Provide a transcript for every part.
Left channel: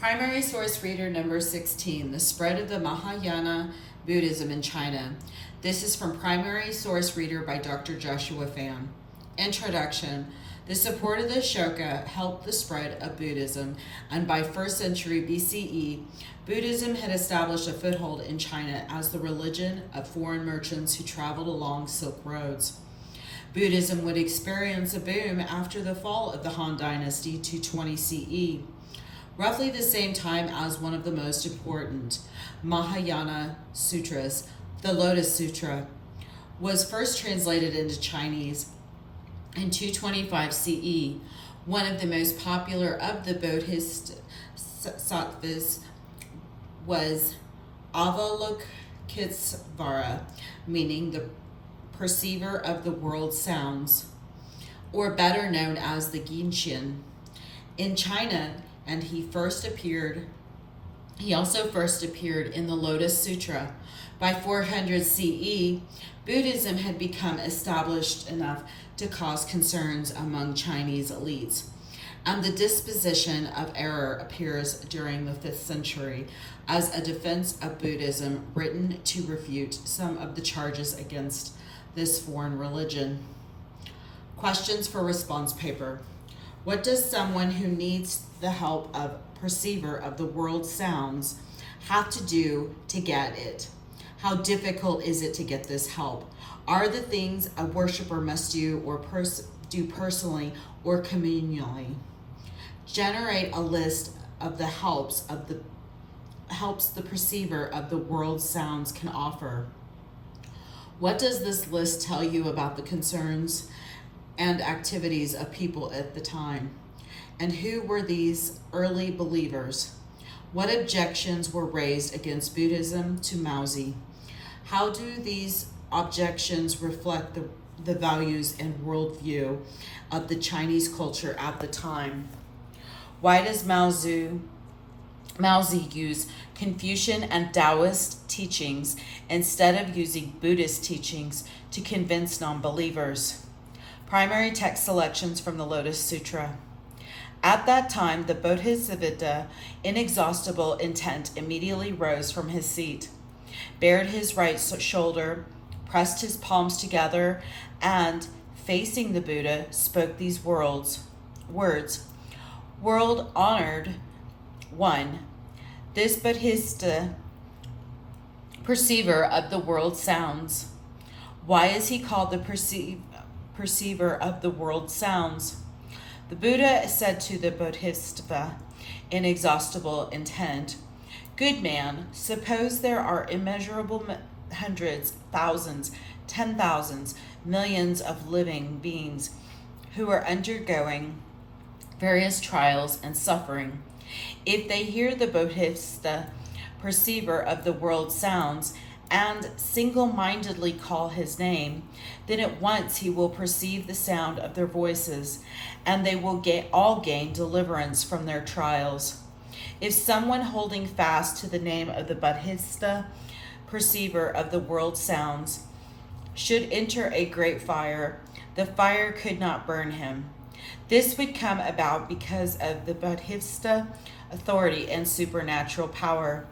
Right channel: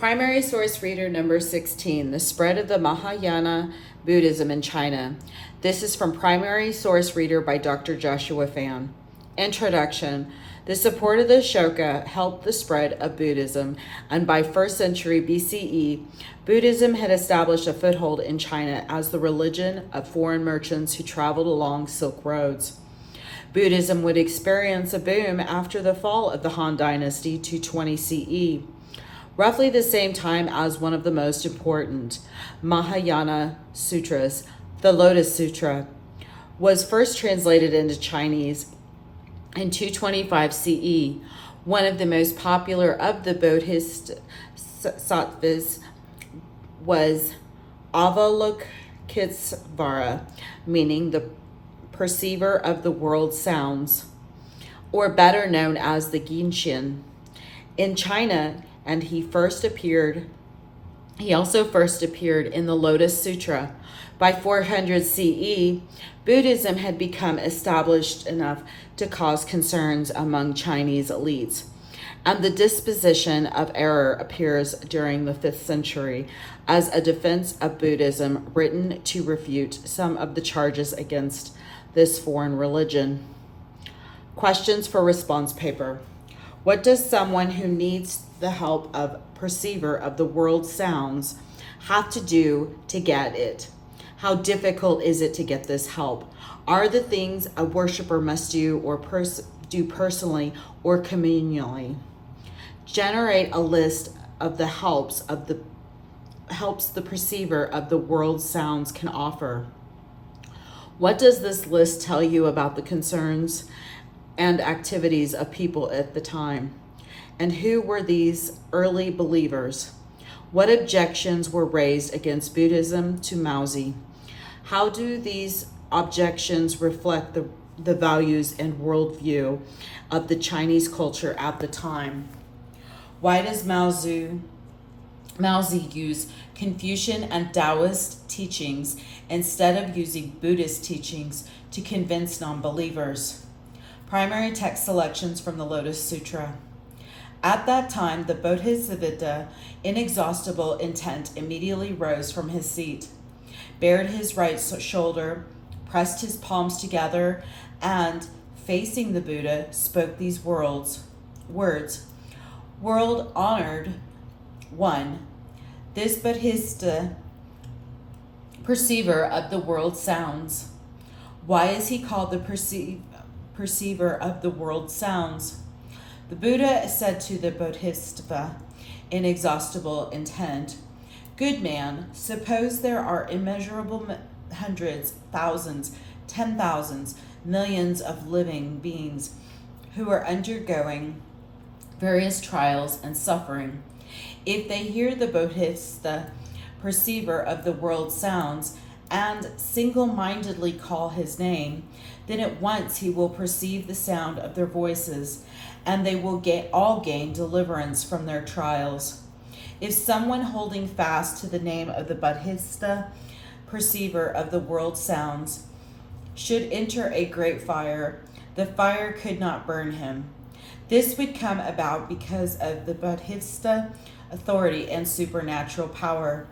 Primary source reader number 16, The Spread of the Mahayana Buddhism in China. This is from Primary Source Reader by Dr. Joshua Fan. Introduction. The support of the Ashoka helped the spread of Buddhism, and by 1st century BCE, Buddhism had established a foothold in China as the religion of foreign merchants who traveled along Silk Roads. Buddhism would experience a boom after the fall of the Han Dynasty 220 CE. Roughly the same time as one of the most important Mahayana sutras, the Lotus Sutra, was first translated into Chinese in 225 CE. One of the most popular of the Bodhisattvas was Avalokitesvara, meaning the perceiver of the world sounds, or better known as the Ginshin. In China, and he also first appeared in the Lotus Sutra. By 400 CE, Buddhism had become established enough to cause concerns among Chinese elites, and the disposition of error appears during the 5th century as a defense of Buddhism written to refute some of the charges against this foreign religion. Questions for response paper. What does someone who needs the help of perceiver of the world sounds have to do to get it? How difficult is it to get this help? Are the things a worshiper must do or do personally or communally? Generate a list of the helps the perceiver of the world sounds can offer. What does this list tell you about the concerns and activities of people at the time? And who were these early believers? What objections were raised against Buddhism to Maozi? How do these objections reflect the values and worldview of the Chinese culture at the time? Why does Maozi use Confucian and Taoist teachings instead of using Buddhist teachings to convince non-believers? Primary text selections from the Lotus Sutra. At that time, the Bodhisattva, inexhaustible intent, immediately rose from his seat, bared his right shoulder, pressed his palms together, and, facing the Buddha, spoke these words. World honored one, this Bodhisattva, perceiver of the world sounds. Why is he called the perceiver of the world sounds? The Buddha said to the Bodhisattva, inexhaustible intent, good man, suppose there are immeasurable hundreds, thousands, 10,000s, millions of living beings who are undergoing various trials and suffering. If they hear the Bodhisattva, perceiver of the world sounds, and single-mindedly call his name, then at once he will perceive the sound of their voices, and they will all gain deliverance from their trials. If someone holding fast to the name of the Bodhisattva, perceiver of the world sounds, should enter a great fire, the fire could not burn him. This would come about because of the Bodhisattva authority and supernatural power.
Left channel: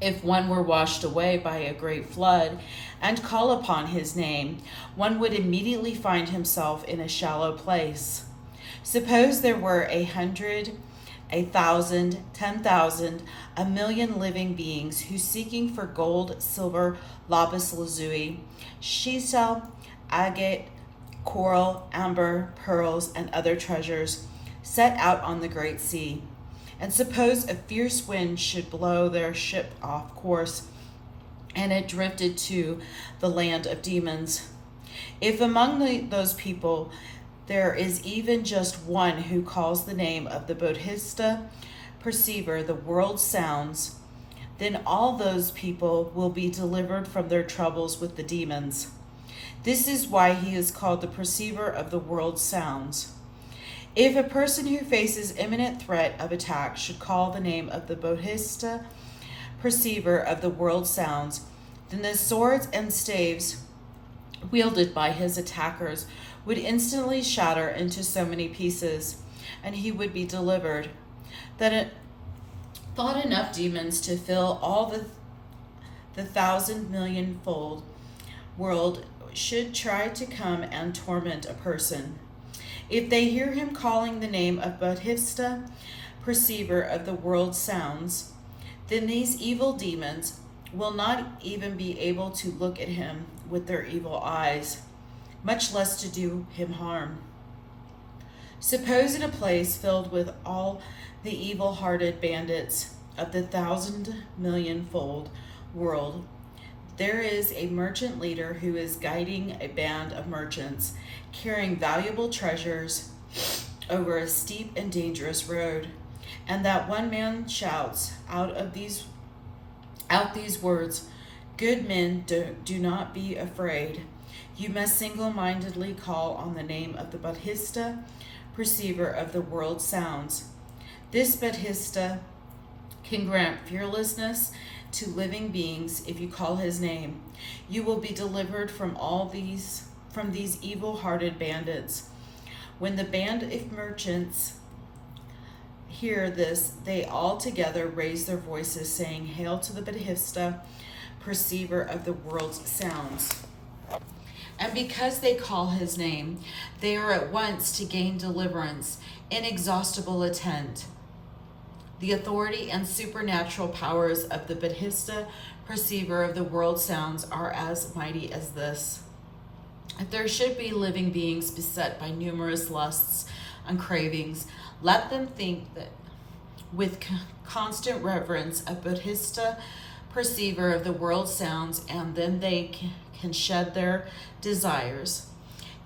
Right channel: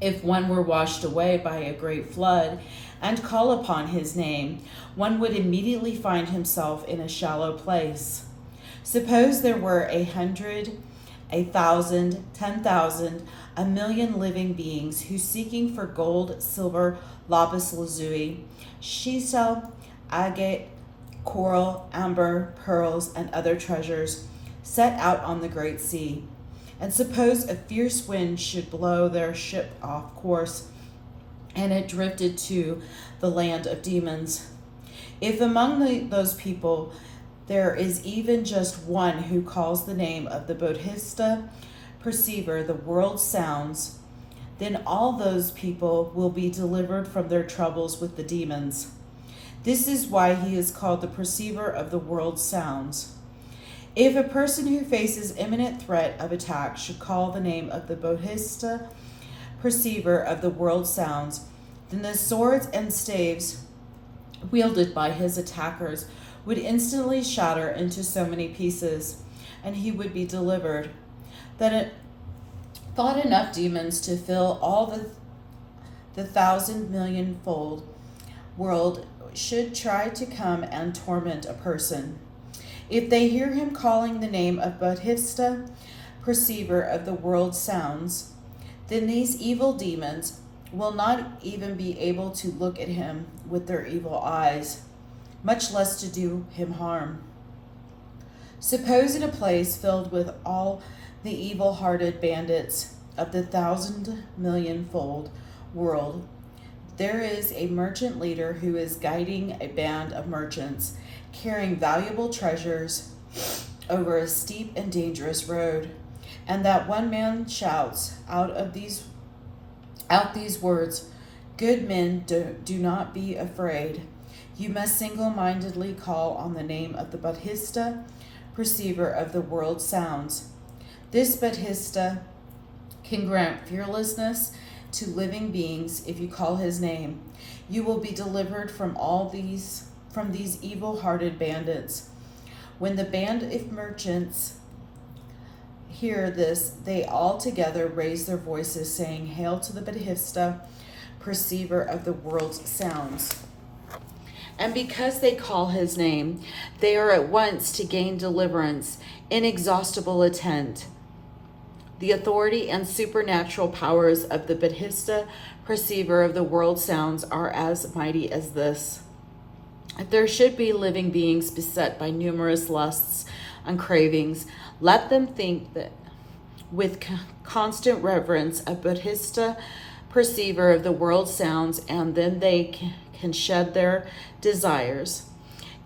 If one were washed away by a great flood and call upon his name, one would immediately find himself in a shallow place. Suppose there were 100, 1,000, 10,000, 1,000,000 living beings who, seeking for gold, silver, lapis lazuli, shisal, agate, coral, amber, pearls, and other treasures, set out on the great sea. And suppose a fierce wind should blow their ship off course, and it drifted to the land of demons. If among those people there is even just one who calls the name of the Bodhisattva perceiver, the world sounds, then all those people will be delivered from their troubles with the demons. This is why he is called the perceiver of the world sounds. If a person who faces imminent threat of attack should call the name of the Bodhisattva, perceiver of the world sounds, then the swords and staves wielded by his attackers would instantly shatter into so many pieces, and he would be delivered. Then thought enough demons to fill all the 1,000,000,000-fold world should try to come and torment a person. If they hear him calling the name of Bodhisattva, perceiver of the world sounds, then these evil demons will not even be able to look at him with their evil eyes, much less to do him harm. Suppose in a place filled with all the evil-hearted bandits of the 1,000,000,000-fold world, there is a merchant leader who is guiding a band of merchants carrying valuable treasures over a steep and dangerous road, and that one man shouts out these words, "Good men, do not be afraid. You must single-mindedly call on the name of the Bodhisattva, perceiver of the world sounds. This Bodhisattva can grant fearlessness to living beings if you call his name. You will be delivered from these evil-hearted bandits." When the band of merchants hear this, they all together raise their voices, saying, "Hail to the Bodhisattva, perceiver of the world's sounds." And because they call his name, they are at once to gain deliverance, inexhaustible intent. The authority and supernatural powers of the Bodhisattva, perceiver of the world sounds, are as mighty as this. If there should be living beings beset by numerous lusts and cravings, let them think that with constant reverence of Bodhisattva, perceiver of the world sounds, and then they can shed their desires.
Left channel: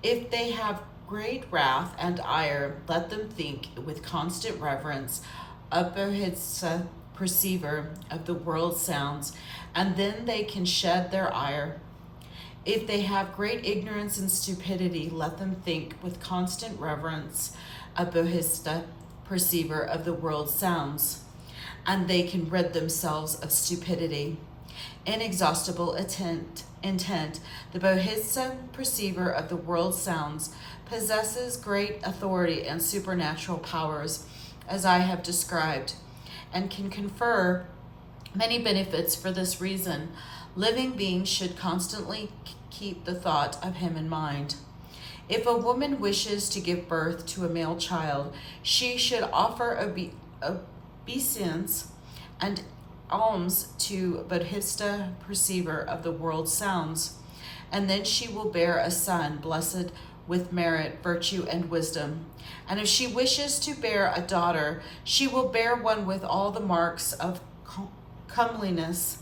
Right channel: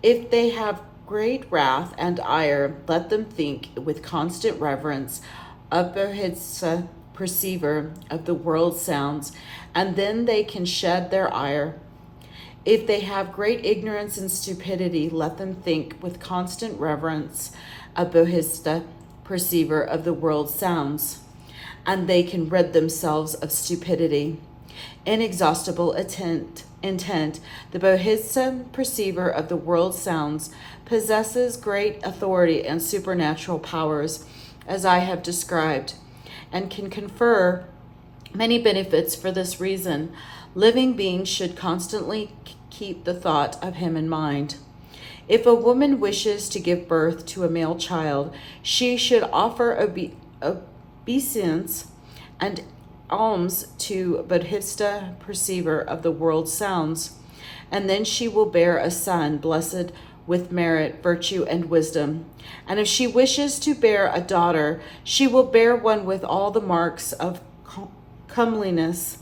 If they have great wrath and ire, let them think with constant reverence of Bodhisattva, perceiver of the world sounds, and then they can shed their ire. If they have great ignorance and stupidity, let them think with constant reverence of Bodhisattva, perceiver of the world sounds, and they can rid themselves of stupidity. Inexhaustible intent, the Bodhisattva, perceiver of the world sounds, possesses great authority and supernatural powers, as I have described, and can confer many benefits. For this reason, living beings should constantly keep the thought of him in mind. If a woman wishes to give birth to a male child, she should offer obeisance and alms to Bodhisattva, perceiver of the world sounds, and then she will bear a son blessed with merit, virtue, and wisdom. And if she wishes to bear a daughter, she will bear one with all the marks of comeliness,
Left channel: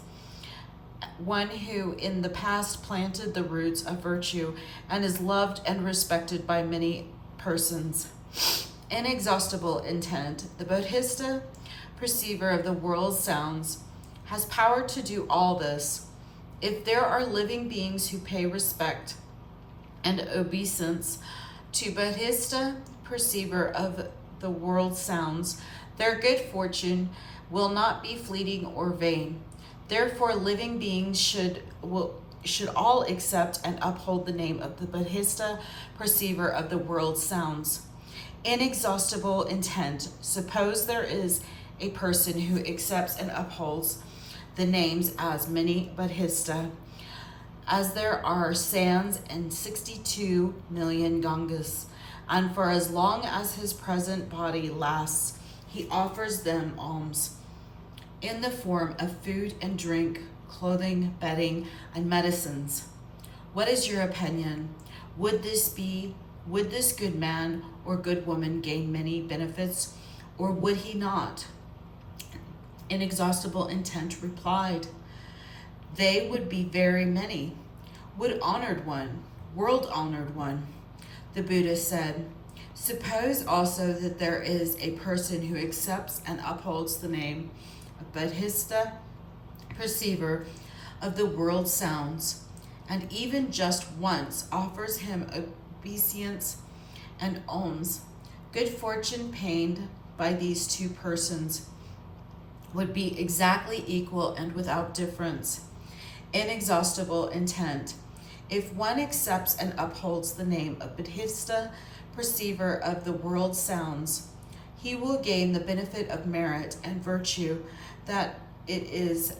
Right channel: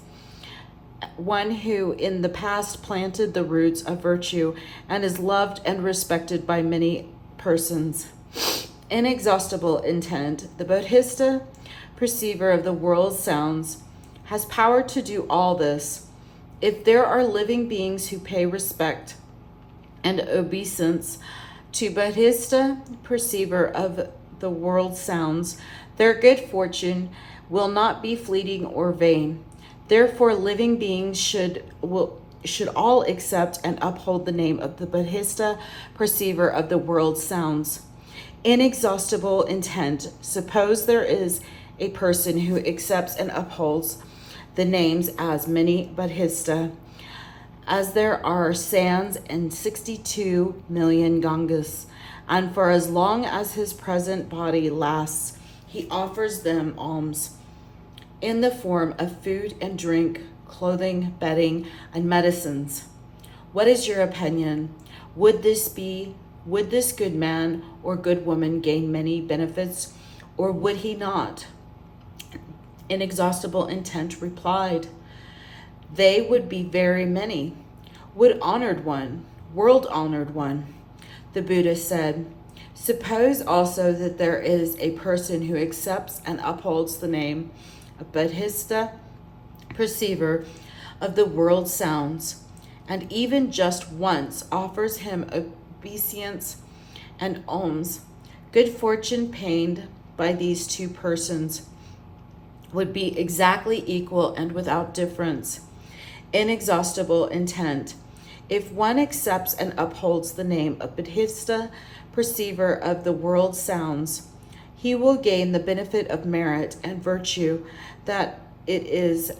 one who in the past planted the roots of virtue and is loved and respected by many persons. Inexhaustible intent, the Bodhisattva, perceiver of the world sounds, has power to do all this. If there are living beings who pay respect and obeisance to Bodhisattva, perceiver of the world sounds, their good fortune will not be fleeting or vain. Therefore, living beings should all accept and uphold the name of the Bodhisattva, perceiver of the world sounds. Inexhaustible intent, suppose there is a person who accepts and upholds the names as many Bodhisattva, as there are sands in 62 million Gangas, and for as long as his present body lasts, he offers them alms in the form of food and drink, clothing, bedding, and medicines. What is your opinion? Would this good man or good woman gain many benefits, or would he not? Inexhaustible intent replied, they would be very many. Would honored one, world honored one. The Buddha said, suppose also that there is a person who accepts and upholds the name of Bodhisattva, perceiver of the world sounds, and even just once offers him obeisance and alms. Good fortune paid by these two persons would be exactly equal and without difference. Inexhaustible intent. If one accepts and upholds the name of Bodhisattva, perceiver of the world sounds, he will gain the benefit of merit and virtue that it is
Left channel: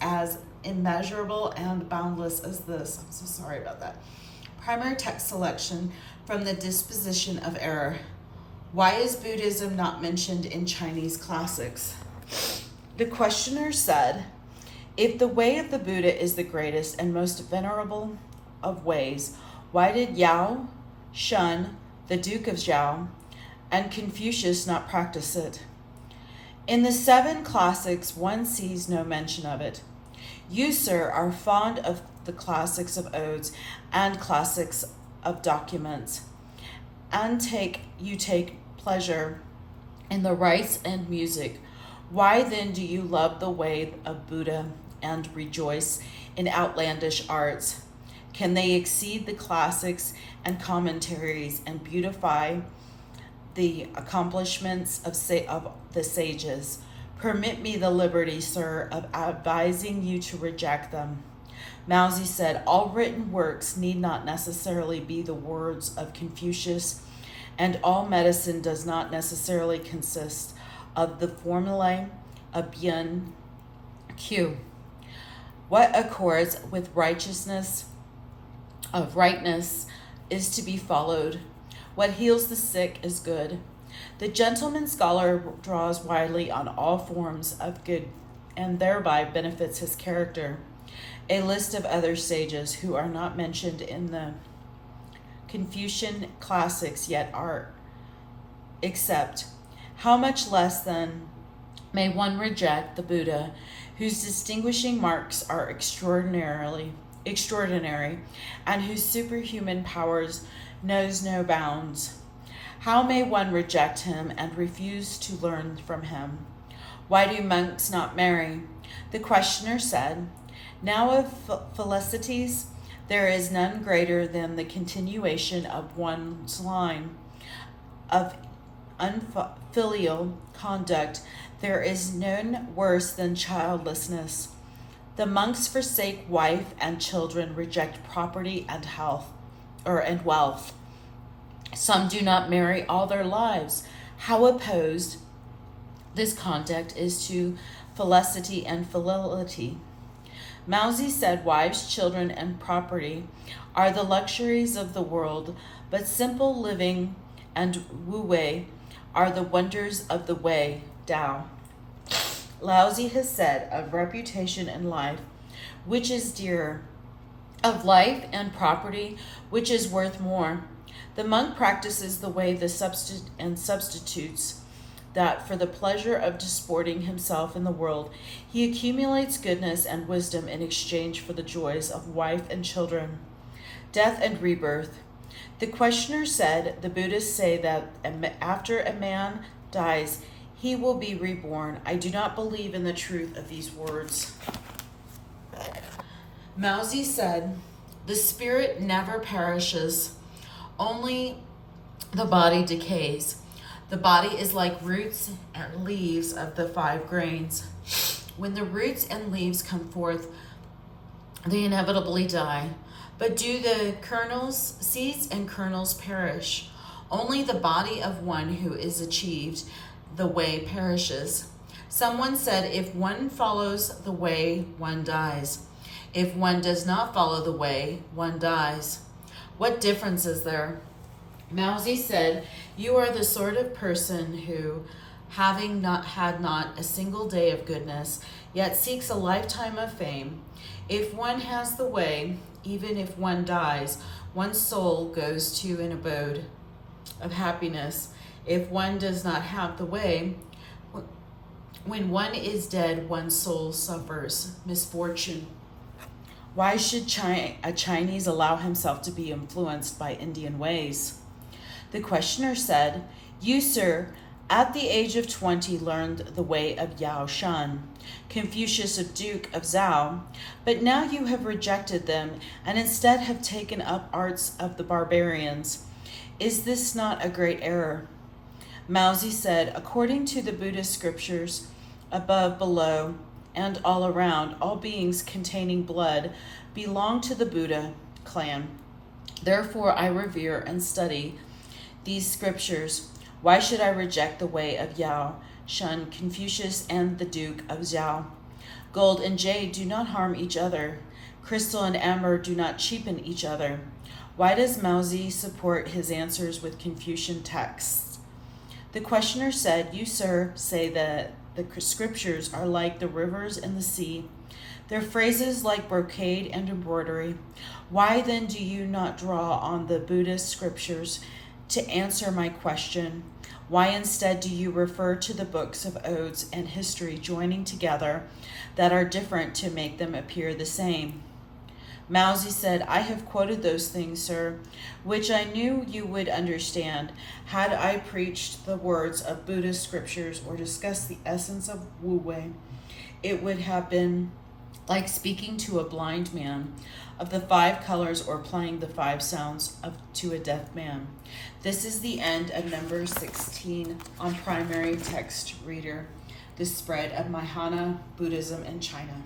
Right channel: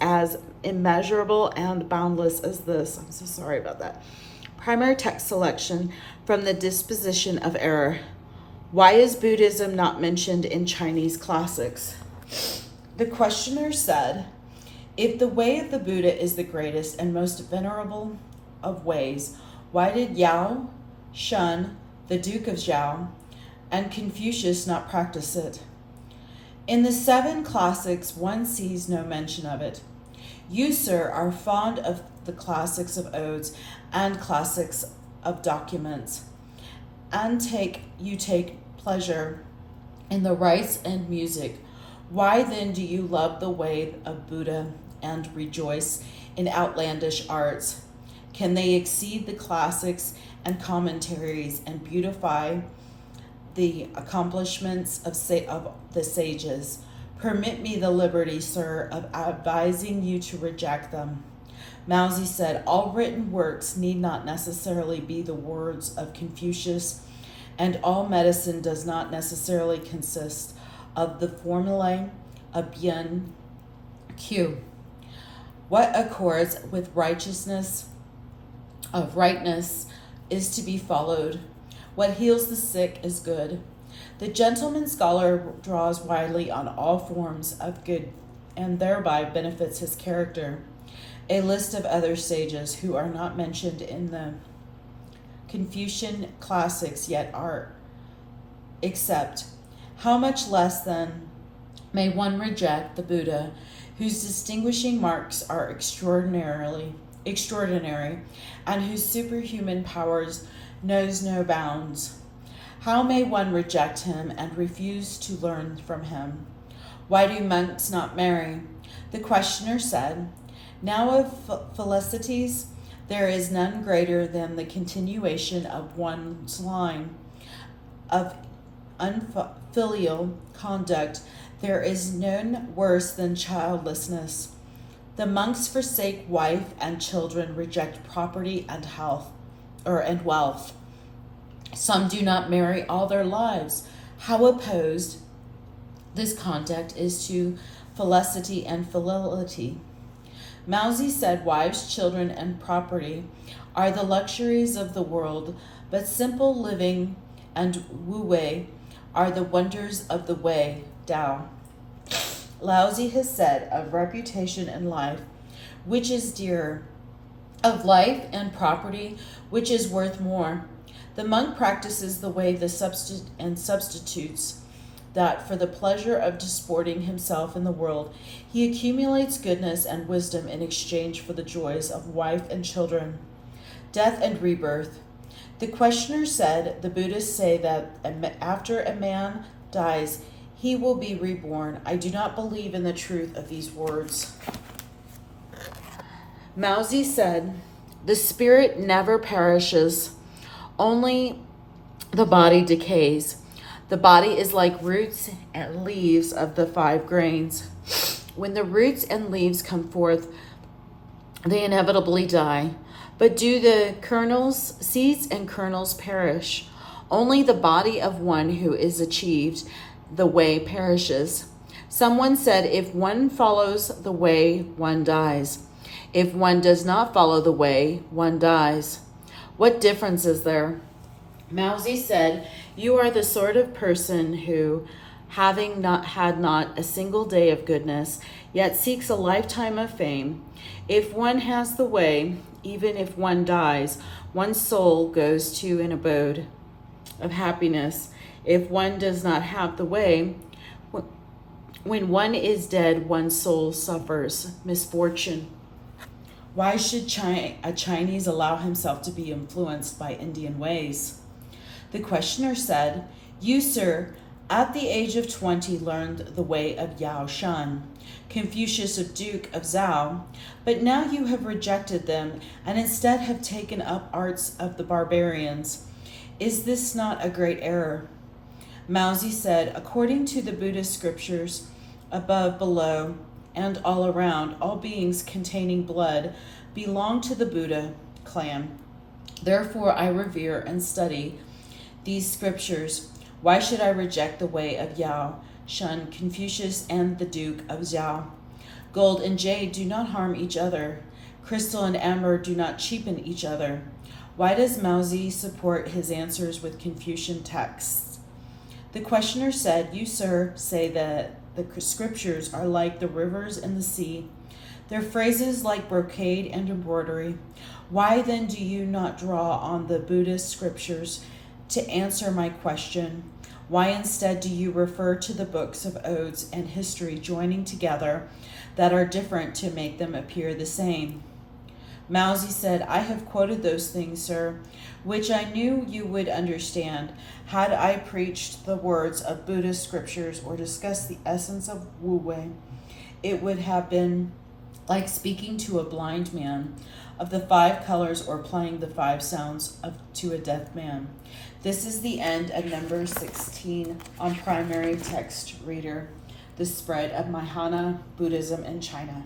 as immeasurable and boundless as this. I'm so sorry about that. Primary text selection from the Disposition of Error. Why is Buddhism not mentioned in Chinese classics? The questioner said, if the way of the Buddha is the greatest and most venerable of ways, why did Yao, Shun, the Duke of Zhao, and Confucius not practice it? In the 7 classics, one sees no mention of it. You, sir, are fond of the classics of odes and classics of documents, and you take pleasure in the rites and music. Why then do you love the way of Buddha and rejoice in outlandish arts? Can they exceed the classics and commentaries and beautify the accomplishments of the sages? Permit me the liberty, sir, of advising you to reject them. Mousie said, all written works need not necessarily be the words of Confucius, and all medicine does not necessarily consist of the formulae of Bien Q. What accords with righteousness of rightness is to be followed. What heals the sick is good. The gentleman scholar draws widely on all forms of good and thereby benefits his character. A list of other sages who are not mentioned in the Confucian classics yet are except. How much less then may one reject the Buddha, whose distinguishing marks are extraordinary, and whose superhuman powers knows no bounds? How may one reject him and refuse to learn from him? Why do monks not marry? The questioner said, now of felicities there is none greater than the continuation of one's line. Of unfilial conduct there is none worse than childlessness. The monks forsake wife and children, reject property and health, and wealth. Some do not marry all their lives. How opposed this conduct is to felicity and fidelity. Mousie said, wives, children, and property are the luxuries of the world, but simple living and wu-wei are the wonders of the way, Tao. Laozi has said of reputation and life, which is dearer, of life and property, which is worth more. The monk practices the way and substitutes that for the pleasure of disporting himself in the world, he accumulates goodness and wisdom in exchange for the joys of wife and children. Death and rebirth. The questioner said, the Buddhists say that after a man dies, he will be reborn. I do not believe in the truth of these words. Mousie said, the spirit never perishes, only the body decays. The body is like roots and leaves of the 5 grains. When the roots and leaves come forth, they inevitably die. But do the seeds and kernels perish? Only the body of one who is achieved the way perishes. Someone said, if one follows the way, one dies. If one does not follow the way, one dies. What difference is there? Mousie said, you are the sort of person who, having had not a single day of goodness, yet seeks a lifetime of fame. If one has the way, even if one dies, one's soul goes to an abode of happiness. If one does not have the way, when one is dead, one's soul suffers misfortune. Why should a Chinese allow himself to be influenced by Indian ways? The questioner said, you, sir, at the age of 20 learned the way of Yao Shan, Confucius of Duke of Zhao, but now you have rejected them and instead have taken up arts of the barbarians. Is this not a great error? Mousie said, according to the Buddhist scriptures, above, below, and all around, all beings containing blood belong to the Buddha clan. Therefore I revere and study these scriptures. Why should I reject the way of Yao, shun Confucius and the Duke of Zhao? Gold and jade do not harm each other. Crystal and amber do not cheapen each other. Why does Maozi support his answers with Confucian texts? The questioner said, "You, sir, say that the scriptures are like the rivers and the sea. Their phrases like brocade and embroidery. Why then do you not draw on the Buddhist scriptures to answer my question? Why instead do you refer to the books of odes and history joining together that are different to make them appear the same?" Maozi said, "I have quoted those things, sir, which I knew you would understand. Had I preached the words of Buddhist scriptures or discussed the essence of Wu Wei, it would have been like speaking to a blind man of the 5 colors or playing the 5 sounds to a deaf man." This is the end of number 16 on Primary Text Reader, the spread of Mahayana Buddhism in China.